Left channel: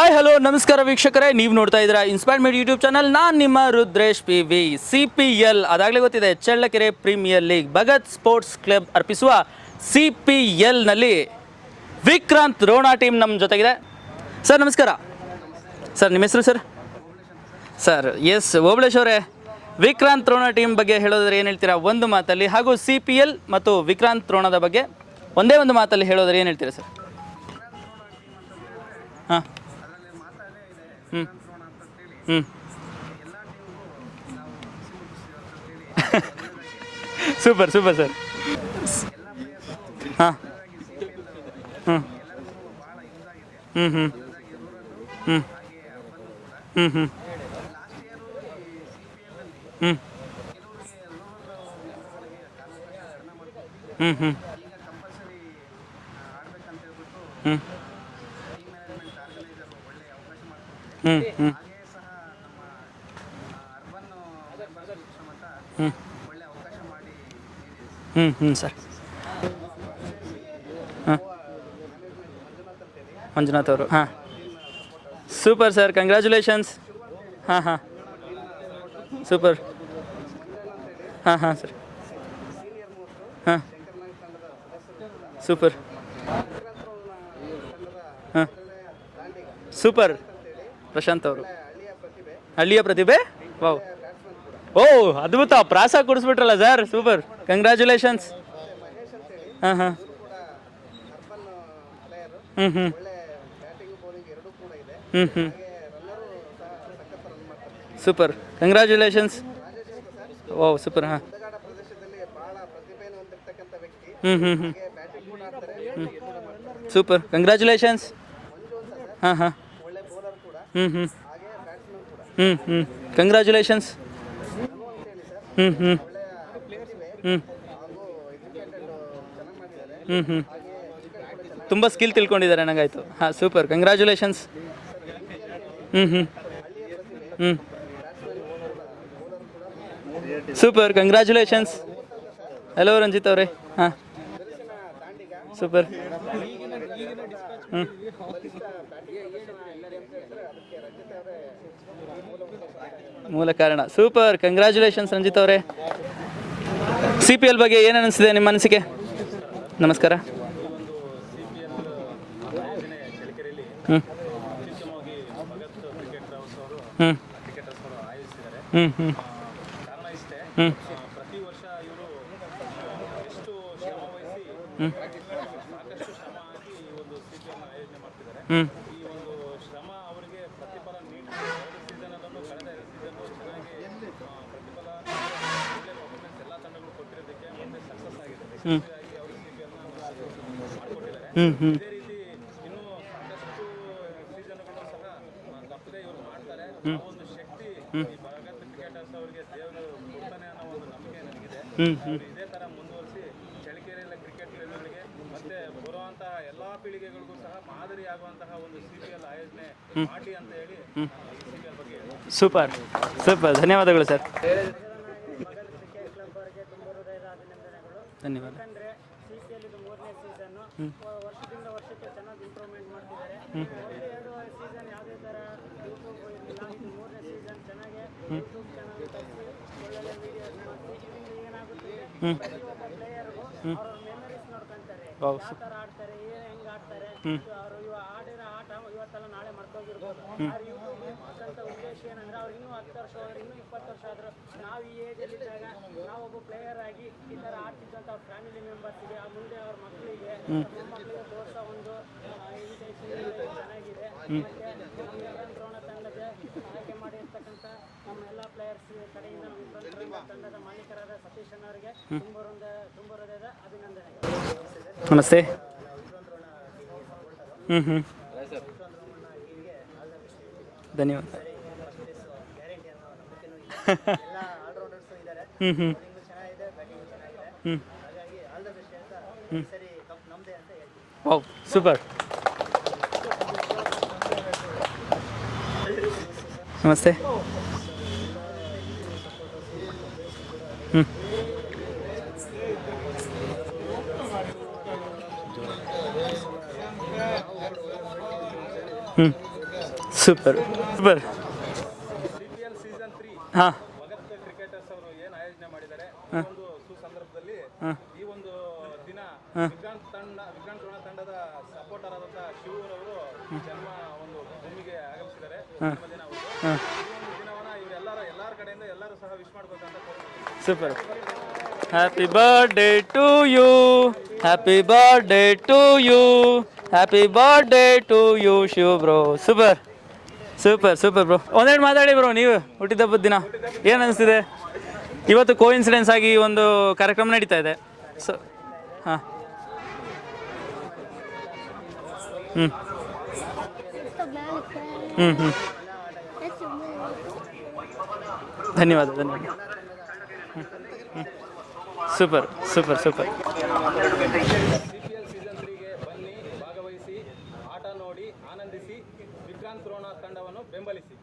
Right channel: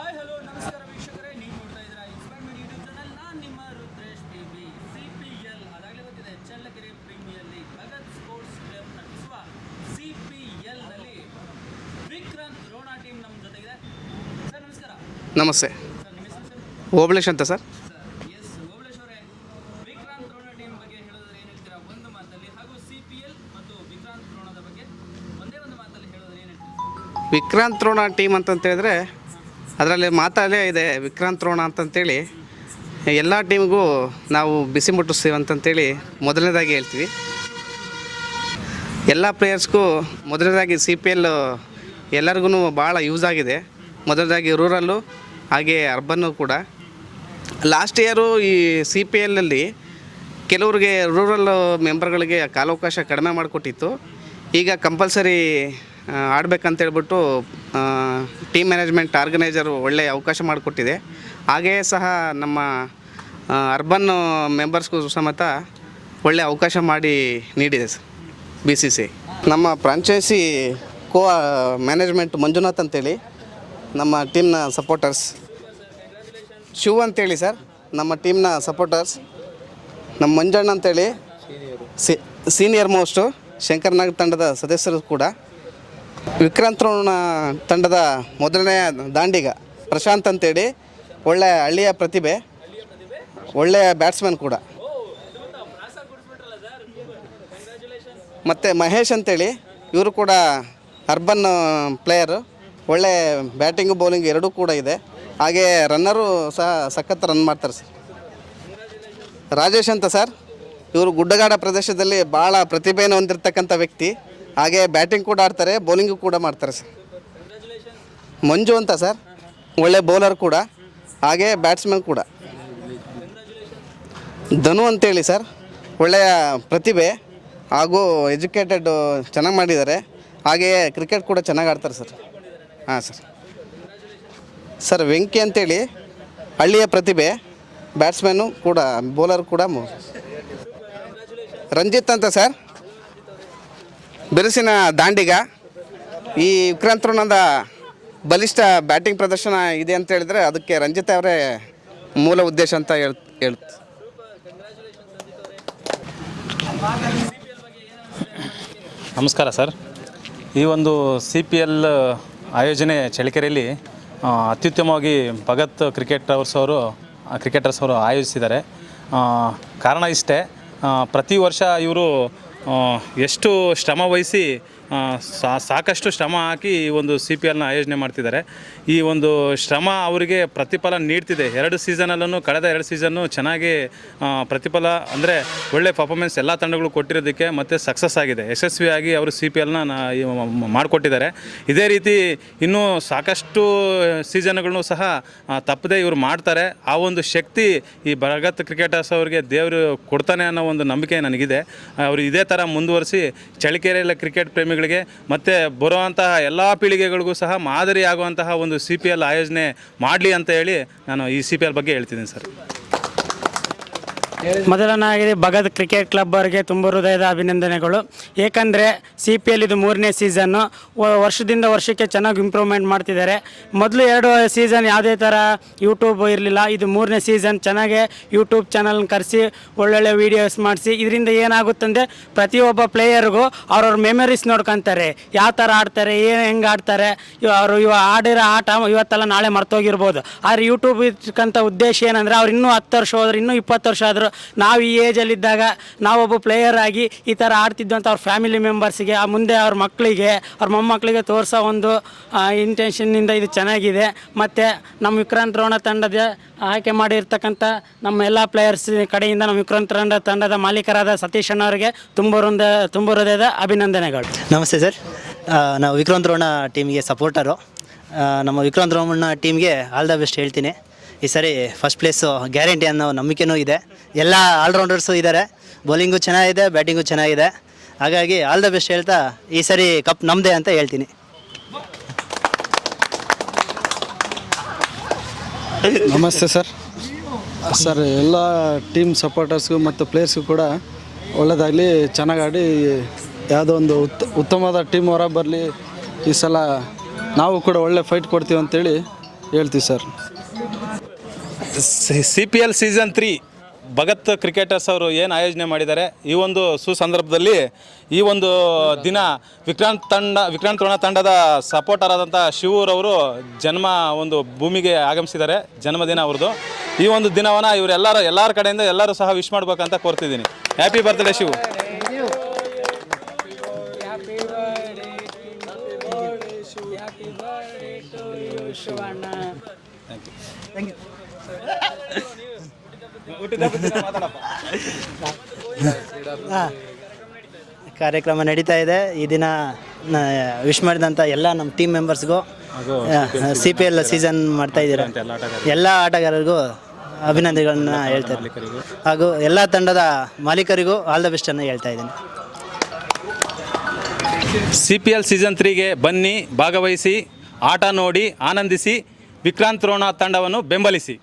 Hi hello ನಮಸ್ಕಾರ ವೀಕ್ಷಕರೇ. ನೀವು ನೋಡ್ತಾ ಇದ್ದೀರಾ ಇನ್ಸ್ಪೈರ್ಡ್ ಮೀಡ್ ಯೂಟ್ಯೂಬ್ ಚಾನಲ್ ನಾನು ನಿಮ್ಮ Rudresh P V C P L ಅದಾಗಲೇ ಗೊತ್ತಿದೆ Challakere premier league Bhagat sports club ಅರ್ಪಿಸುವ ಸಿ ಪಿ ಎಲ್ನಲ್ಲಿ ವಿಕ್ರಾಂತ್ ರೋಣಾ ಟೀಮ್ ನಮ್ಮ ಜೊತೆಗಿದೆ. ಸರ್ ನಮಸ್ಕಾರ. ನಮಸ್ತೆ. ಸರ್ ನಿಮ್ಮ ಹೆಸರು ಸರ್ ಓಬಳೇಶ್ ಅಂತ ಸರ್ ಸರ್ ಎಸ್ ಓಬಳೇಶ್ ಅವರೇ. ವಿಕ್ರಾಂತ್ ರೋಣ ಟೀಮ್ ಬಗ್ಗೆ ಹೇಳೋದ್ರೆ ಏನು ಹೇಳ್ತೀರಾ? ಒಂದು ಮಾತಲ್ಲಿ ಹಾಗೂ ಸಿ ಪಿ ಎಲ್ ಮತ್ತು ವಿಕ್ರಾಂತ್ ರೋಣದ ಬಗ್ಗೆ ಒಂದೇ ಒಂದು ಮಾತಲ್ಲಿ ಹೇಳೋದ್ರೆ ಏನು ಹೇಳ್ತೀರಾ ಸರ್ ವಿಕ್ರಾಂತ್ ರೋಣ ಟೀಮ್ ಅಂತಂತ ಹೇಳಿದ್ರೆ ಅದರಲ್ಲಿ ಮಾತಾಡಲೇ ಇದೆ ವಿಕ್ರಾಂತ್ ರೋಣ ಅಂತಂತೇಳಿ. ಎಲ್ಲ ಟೀಮ್ಗೂ ನಾವು ಬಿಸಿ ಮುಟ್ಟಿಸ್ತೀವಿ ಅಂತಂತೇಳಿ ಮೊದಲನೇದಾಗಿ ಹೇಳ್ತೀವಿ. Super super sir. ಎಲ್ಲ ಪ್ಲೇಯರ್ಸ್ಗೂ ಮೊದಲನೇದಾಗಿ ಸಿ ಪಿ ಎಲ್ ಎಲ್ಲರಿಗೂ ಭಾಳ ಯೂಸ್ ಆಗಿದೆ. ಮೊದಲನೇದಾಗಿ ರೂರಲ್ಲು ಹಾಗೆ ಅರ್ಬನ್ನು ಕೂಡ. ಲಾಸ್ಟ್ ಇಯರು ಈ ಸಿ ಪಿ ಎಲ್ನಲ್ಲಿ ಕೆಲವರಿಗೆ ರೂರಲ್ ಮೆಂಬರ್ಗಳಿಗೆ ಕಾಲಾವಕಾಶ ಕಡಿಮೆ ಮಾಡಿಕೊಟ್ಟಿತ್ತು. ಈಗ ಕಂಪಲ್ಸರಿ ಆಡ್ಬೇಕಂತ ಹೇಳ್ಬಿಟ್ಟು ಟೀಮ್ ಮ್ಯಾನೇಜ್ಮೆಂಟ್ ಆರ್ಗನೈಸರು ಒಳ್ಳೆ ಅವಕಾಶ ಮಾಡಿಕೊಟ್ಟಿದೆ. ಹಾಗೆಯೇ ಸಹ ನಮ್ಮ ಅರ್ಬನ್ ಮೆಂಬರ್ಸ್ಗೂ ಸಮೇತ ಒಳ್ಳೆ ಅವಕಾಶ ಮಾಡಿ ನೀಡಿದೆ ಸರ್. ಹ್ಞೂ ಹ್ಞೂ ಬಿ ಸಿ ಸಿ ನಮ್ಮ ಫ್ರಾಂಚೈಸಿ ಕೋ ಮ್ಯಾನೇಜ್ಮೆಂಟ್ ಮಂಜುನಾಥ್ ಅಂತೇಳಿ. ಮಂಜುನಾಥ್ ಅವರು ನಮ್ಮ ಟೀಮ್ನ supporters super sir congratulations Shiv ಅಂತೇಳಿ ಸರ್. ನಮ್ಮ ಟೀಮ್ನ ಸಪೋರ್ಟರ್ಸ್ ಸೂಪರ್. ನಮ್ಮ ಮಂಜಣ್ಣ ಅಂತೇಳಿ. ಸೀನಿಯರ್ ಮೋಸ್ಟು ಶಂಕರ್ನಾಗ್ ತಂಡದ ಸದಸ್ಯರು ಕೂಡ. ಸೂಪರ್. ವಿಕ್ರಾಂತ್ ರೋಣ ತಂಡದ ಮೊದಲನೇ ದಾಂಡಿಗ. ಪ್ರಶಾಂತ್ ಅಂತೇಳಿ. ಪ್ರಶಾಂತ್. ಒಳ್ಳೆ ಹಳ್ಳಿಯ ಪ್ರತಿಭೆ. ಹಳ್ಳಿಯ ಪ್ರತಿಭೆ? ಒಳ್ಳೆಯ ಬ್ಯಾಟ್ಸ್ಮನ್ ಕೂಡ. ಓ ಅದ್ಭುತ. ಪ್ರಾಸ ಕೊಡಿಸ್ಬಿಟ್ರಲ್ಲ ಸರ್. ಸೂಪರ್. ಕಂಗ್ರ್ಯಾಚುಲೇಷನ್ಸ್ ಮತ್ತೆ ಮಹೇಶ್ ಅಂತೇಳಿ. ಇವರು ಕೂಡ ಅರ್ಬನ್ ಪ್ಲೇಯರ್ ಒಳ್ಳೆ ಬ್ಯಾಟಿಂಗ್ ಬೌಲಿಂಗ್ ಎರಡೂ ಕೂಡ ಇದೆ. ಹಾಗೆ ರನ್ನರು ಸಹ ಸಖತ್ ರನ್ ಮಾಡ್ತಾರೆ ಸರ್. ಸೂಪರ್ ಕಂಗ್ರಾಚುಲೇಷನ್ಸ್ ರಾಜೇಶ್ ಅಂತ ಸರ್. ಇವರು ಗುಡ್ಡಗಾಡ ಪ್ರದೇಶದಲ್ಲಿ ಬಹಳ ಪ್ರತಿಭೆಯನ್ನು ಹೊಂದಿರತಕ್ಕಂಥ ವ್ಯಕ್ತಿ. ಹಾಗೆ ಬ್ಯಾಟಿಂಗ್ ಕೂಡ ಆಡ್ತಾರೆ ಬೌಲಿಂಗ್ ಕೂಡ ಮಾಡ್ತಾರೆ ಸರ್. ಸೂಪರ್ ಕಂಗ್ರಾಚುಲೇಷನ್ಸ್ ಮಂಜು ಅಂತ ಸರ್. ಒಳ್ಳೆ ಬೌಲರ್ ಕೂಡ. ಹಾಗೆ ಬ್ಯಾಟ್ಸ್ಮನ್ ಕೂಡ. ಕಂಗ್ರಾಚುಲೇಷನ್ಸ್ ಧನು ಅಂತೇಳಿ ಸರ್. ಒಳ್ಳೆಯ ಪ್ರತಿಭೆ. ಹಾಗೂ ಎಜುಕೇಟೆಡ್ ಚೆನ್ನಾಗಿ ಮಾಡಿದ್ದಾರೆ. ಹಾಗೆಯೇ ಕ್ರಿಕೆಟ್ ಕೂಡ ಚೆನ್ನಾಗಿ ತುಂಬಾ ಸ್ಕಿಲ್ ತಿಳ್ಕೊಂಡಿದ್ದಾರೆ ನನಗೆ ಸೂಪರ್ ಕಂಗ್ರ್ಯಾಚುಲೇಷನ್ಸ್ ಸರ್ ವೆಂಕಿ ಅಂತೇಳಿ ಹಳ್ಳಿಯ ಪ್ರತಿಭೆ. ಬ್ಯಾಟ್ಸ್ಮನ್ ಕೂಡ ಬೌಲರ್ ಕೂಡ ಸೂಪರ್ ಕಂಗ್ರ್ಯಾಚುಲೇಷನ್ಸ್ ರಂಜಿತ್ ಅಂತ ಸರ್. ಹಲೋ ರಂಜಿತ್ ಅವರೇ. ಬಿರುಸಿನ ದಾಂಡಿಗ. ಸೂಪರ್ ಈ ವಿಕ್ರಾಂತ್ ಬಲಿಷ್ಠ ಬ್ಯಾಟಿಂಗ್ ಪ್ರದರ್ಶನ ಇದೆ ಅಂತ ಹೇಳಿದ್ರೆ ಅದಕ್ಕೆ ರಂಜಿತ್ ಅವರೇ ಮೂಲ ಉದ್ದೇಶ ಅಂತ ಹೇಳ್ ಕಾರಣ. ಸೂಪರ್ ಕಂಗ್ರ್ಯಾಚುಲೇಷನ್ಸ್ ರಂಜಿತ್ ಅವರೇ. ಸಿ ಪಿ ಎಲ್ ಬಗ್ಗೆ ಏನು ಅನಿಸಿದೆ ನಿಮ್ಮ ಅನಿಸಿಕೆ ನಮಸ್ಕಾರ ಸರ್. ನಮಸ್ಕಾರ. ಈ ಒಂದು ಸಿ ಪಿ ಎಲ್ ಆಯೋಜನೆ ಚಳ್ಳಕೆರೆಯಲ್ಲಿ ಅತ್ಯುತ್ತಮವಾಗಿ ಭಗತ್ ಕ್ರಿಕೆಟ್ ಅವರ್ಸ್ ಅವರು ಕ್ರಿಕೆಟರ್ಸ್ ಅವರು ಆಯೋಜಿಸಿದ್ದಾರೆ. ಕಾರಣ ಇಷ್ಟೇ. ಪ್ರತಿ ವರ್ಷ ಇವರು ಎಷ್ಟು ಶ್ರಮ ವಹಿಸಿ ಆ, ಸಾ- ಸಾಕಷ್ಟು ಶ್ರಮ ಹಾಕಿ ಈ ಒಂದು ಸಿ ಪಿ ಎಲ್ನ ಆಯೋಜನೆ ಮಾಡ್ತಿದ್ದಾರೆ. ಈ ಒಂದು ಶ್ರಮ ಅವರಿಗೆ ಪ್ರತಿಫಲ ನೀಡ್ತಿದೆ. ಎರಡು ಸೀಸನಲ್ಲೂ ಕಳೆದ ಎರಡು ಸೀಸನ್ನು ಚೆನ್ನಾಗಿ ಆ, ಪ್ರತಿಫಲ ಅಂದರೆ ಒಳ್ಳೆ ಪರ್ಫಾರ್ಮೆನ್ಸ್ ಎಲ್ಲ ತಂಡಗಳು ಕೊಟ್ಟಿರೋದಕ್ಕೆ ಮತ್ತೆ ಸಕ್ಸಸ್ ಆಗಿದೆ. ಯಶಸ್ವಿಯಾಗಿ ಅವರು ಸಿ ಪಿ ಎಲ್ನ ಮಾಡಿಕೊಟ್ಟಿದ್ದಾರೆ. ಇದೇ ರೀತಿ ಇನ್ನೂ ಸಾಕಷ್ಟು ಸೀಸನ್ಗಳನ್ನು ಸಹ ತಪ್ಪದೇ ತಪ್ಪದೆ ಇವರು ಮಾಡ್ತಾರೆ. ಆ ಒಂದು ಶಕ್ತಿ ಈ ಬರಗತ್ ಕ್ರಿಕೆಟರ್ಸ್ ಅವರಿಗೆ ದೇವರು ಕೊಡ್ತಾನೆ ಅನ್ನೋ ಒಂದು ನಂಬಿಕೆ ನನಗಿದೆ. ಅವರು ಇದೇ ಥರ ಮುಂದುವರಿಸಿ ಚಳ್ಳಕೆರೆಯಲ್ಲಿ ಕ್ರಿಕೆಟ್ ಪ್ರೇಮಿಗಳಿಗೆ ಮತ್ತೆ ಬರುವಂತಹ ಎಲ್ಲ ಪೀಳಿಗೆಗಳಿಗೂ ಸಹ ಮಾದರಿಯಾಗುವಂತಹ ಒಂದು ಸಿ ಪಿ ಎಲ್ ಆಯೋಜನೆ ಮಾಡಲಿ ಅಂತ ಹೇಳಿ ನಾನು ಈ ಸಿ ಪಿ ಎಲ್ ಬಗ್ಗೆ ಹೇಳ್ತಿದ್ದೀನಿ ಸೂಪರ್. ಸೂಪರ್, ಧನ್ಯವಾದಗಳು ಸರ್. ಮೊದಲನಾಗಿದೆ ಭಗತ್ ಕ್ರಿಕೆಟ್ ಕ್ಲಬ್ ಅವರಿಗೆ ತುಂಬ ಹೃದಯದ ಅಭಿನಂದನೆಗಳು. ಏಕೆಂದರೆ ಸಿ ಪಿ ಎಲ್ ಇದು ಮೂರನೇ ಸೀಸನ್ನು ವರ್ಷದಿಂದ ವರ್ಷಕ್ಕೆ ಚೆನ್ನಾಗಿ ಇಂಪ್ರೂವ್ಮೆಂಟ್ ಮಾಡ್ತಿದ್ದಾರೆ. ಮೊದಲು ಎರಡು ಸೀಸನ್ ಯಾವುದೇ ಥರ ಯೂಟ್ಯೂಬ್ ಇರಲಿಲ್ಲ. ಇದು ಮೂರನೇ ಸೀಸನ್ ಚೆನ್ನಾಗೆ ಯೂಟ್ಯೂಬ್ ಚಾನಲ್ನ ಕರೆಸಿ, ಒಳ್ಳೊಳ್ಳೆ ವೀಡಿಯೋಸ್ ಮಾಡಿಸಿ, ಇದರಿಂದ ಏನಾಗುತ್ತಂದರೆ ಪ್ರತಿಯೊಬ್ಬ ಪ್ಲೇಯರ್ಗೂ ಅವ್ರವ್ರ ಮೆಮರೀಸ್ ನೋಡ್ಕೊಂತಾರೆ. ಯಾವ ಥರ ಆಡ್ತಾರೆ, ಏನು ಹೆಂಗೆ ಆಡ್ತಾರೆ ಅವರು ಇವ ಆಡಿರೋ ಆಟ ಇವತ್ತೆಲ್ಲ ನಾಳೆ ಮರ್ತೋಗಿರ್ಬೋದು. ಆದರೆ ಯೂಟ್ಯೂಬ್ ಇರ್ತಕ್ಕಂಥ ಉದ್ದೇಶ ಏನಂದರೆ ಅವ್ರು ಇನ್ನೂ ಹತ್ತು ವರ್ಷ ಹೋದ್ರೆ ಇನ್ನೂ ಇಪ್ಪತ್ತು ವರ್ಷ ಆದರೂ ನಾವು ಈ ಏಜಲ್ಲಿದ್ದಾಗ ನಾವೊಬ್ಬ ಪ್ಲೇಯರ್ ಆಗಿ ಈ ಥರ ಆಡ್ತಿದ್ದಂಥ ಅಂತ ಅವ್ರ ಫ್ಯಾಮಿಲಿ ಮೆಂಬರ್ಸ್ಗೆ ಆ ಮುಂದೆ ಅವ್ರ ಮಕ್ಕಳಿಗೆ ಅವ್ರ ಮೊಮ್ಮಕ್ಕಳಿಗೆ ತೋರಿಸೋ ಒಂದು ಇಂಟೆನ್ಷನ್ನಿಂದ ಇದು ಚೆನ್ನಾಗಿದೆ. ಮತ್ತು ನಮ್ಮ ವಿಕ್ರಾಂತ್ ರೋಣ ತಂಡದ ಆಯ್ಕೆ ಮಾಡಿರ್ತಕ್ಕಂಥ ನಮ್ಮ ಎಲ್ಲ ಪ್ಲೇಯರ್ಸ್ ಕಡೆಯಿಂದ ನಮ್ಮ ವಿಕ್ರಾಂತ್ ರೋಣ ತಂಡದ ಮಾಲೀಕರಾದ ಸತೀಶ್ ಅಣ್ಣವರಿಗೆ ತುಂಬ ಹೃದಯ ತುಂಬ ಹೃದಯದ ಅಭಿನಂದನೆಗಳು. ನಮಸ್ತೆ ಸರ್. ನಮಸ್ತೆ. ನಾವು ವಿಕ್ರಾಂತ್ ರೋಣ ಟೀಮ್ಗೆ ಸಪೋರ್ಟರು ನಮ್ಮ ವಿಕ್ರಾಂತ್ ರೋಣ ಟೀಮ್ಗೆ ಆಲ್ ದ ಬೆಸ್ಟ್ ಹೇಳ್ತೀನಿ. ಈ ಸರಿ ಫಸ್ಟ್ ಪ್ಲೇಸು ಗ್ಯಾರಂಟಿ ಅನ್ನೋ ನಂಬಿಕೆನೂ ಇದೆ. ಎಲ್ಲ ಆಲ್ರೌಂಡರ್ಸು ಇದ್ದಾರೆ ಬೌಲಿಂಗು ಚೆನ್ನಾಗಿದೆ ಬ್ಯಾಟಿಂಗು ಚೆನ್ನಾಗಿದೆ. ಹಾಗಾಗಿ ಆಲ್ ದ ಬೆಸ್ಟ್ ಹೇಳ್ತಾ ಈ ಸರಿ ಕಪ್ ನಮ್ಮದೇ ಅಂತ ಹೇಳ್ತೀನಿ. ಓ ಸೂಪರ್ ನಮಸ್ತೆ ಸರ್. ನಮಸ್ತೆ. ಸರ್ ಎಲ್ಲ ಟೀಮ್ ಸಪೋರ್ಟರ್ಸ್ಗೂ ಮತ್ತು ಪ್ಲೇಯರ್ಸ್ಗೂ ಕೂಡ ಒಳ್ಳೆಯದಾಗಲಿ ಚೆನ್ನಾಗಿ ಆಡಿ ಯಾವುದೋ ಒಂದು ಉತ್ ಉತ್ತಮವಾದ ಟೀಮ್ ಹೊರ ಬರಲಿ. ಈ ಸಲ ನಾವು ಕೂಡ ಒಳ್ಳೆ ಫೈಟ್ ಕೊಡ್ತೀವಿ ಅಂತೇಳಿ ಹೇಳ್ತೀವಿ sir. Super super C P L season three Bhagat cricketers ಅವರು ಏನು ಆಯೋಜನೆ ಮಾಡಿದ್ದಾರೆ? ಈ ಒಂದು ಸುಸಂದರ್ಭದಲ್ಲಿ ಈ ಒಂದು ದಿನ ವಿಕ್ರಾಂತ್ ತಂಡ ವಿಕ್ರಾಂತ್ ರೋಣ ತಂಡದ ಸಪೋರ್ಟರ್ ಆದಂಥ ಶಿವರವರು ಜನ್ಮ ಒಂದು ಭೂಮಿಗೆ ಆಗಮಿಸಿದ್ದಾರೆ ಜನ್ಮದಿನ ಅವ್ರದ್ದು ಈ ಒಂದು ದಿನವನ್ನ ಇವರೆಲ್ಲರ ಎಲ್ಲರ ಕಡೆಯಿಂದ ಎಲ್ಲರೂ ಸಹ ವಿಶ್ ಮಾಡ್ಬೇಕಂತ ಕೋರ್ತಿದ್ದೀನಿ. Happy birthday Shivu. Happy birthday to you happy birthday to you happy birthday to you Shiva bro super super super bro ಒಂದೆರಡು ಮಾತಾಡಿ ಬ್ರೋ ನೀವು ಹುಟ್ಟಿದಬ್ಬದ ದಿನ. ಏನ್ ಅನಿಸ್ತಿದೆ? ಇವತ್ತು ಕೋಇನ್ಸಿಡೆನ್ಸ್ ಆಗಿ ಒಂದು ಕಾರ್ಯಕ್ರಮ ನಡೀತಾ ಇದೆ. ಕಾರ್ಯಕ್ರಮ ನಡೀತಾ ಇದೆ. ಈ ದಿನ ವಿಶ್ ಮಾಡಿದಂತ ಎಲ್ಲ ನಮ್ಮ ಟೀಮ್ ಮೆಂಬರ್ಸ್ಗೂ ಸಿ ಪಿ ಎಲ್ ಸೀಸನ್ ಮಾಡ್ತಾ ಇದ್ದೀರಾ. ಎಲ್ಲ ಆಟಗಾರರಿಗೂ ಅಭಿನಂದನೆಗಳನ್ನ ಹೇಳ್ತಾ ಇದ್ದೀನಿ. ಧನ್ಯವಾದ ಹಾಗೂ ಎಲ್ಲ ತಂಡದ ಮಾಲೀಕರಿಗೂ ಆಲ್ ದ ಬೆಸ್ಟ್ ಅನ್ನ ಹೇಳ್ತಾ ಇದ್ದೀನಿ. Super super super C P L season ತ್ರೀಗೆ ಬನ್ನಿ ಭಾಗವಹಿಸಿ ಆಟ ನೋಡಿ ಆನಂದಿಸಿ. ವಿಕ್ರಾಂತ್ ರೋಣ ತಂಡವನ್ನು ಬೆಂಬಲಿಸಿ.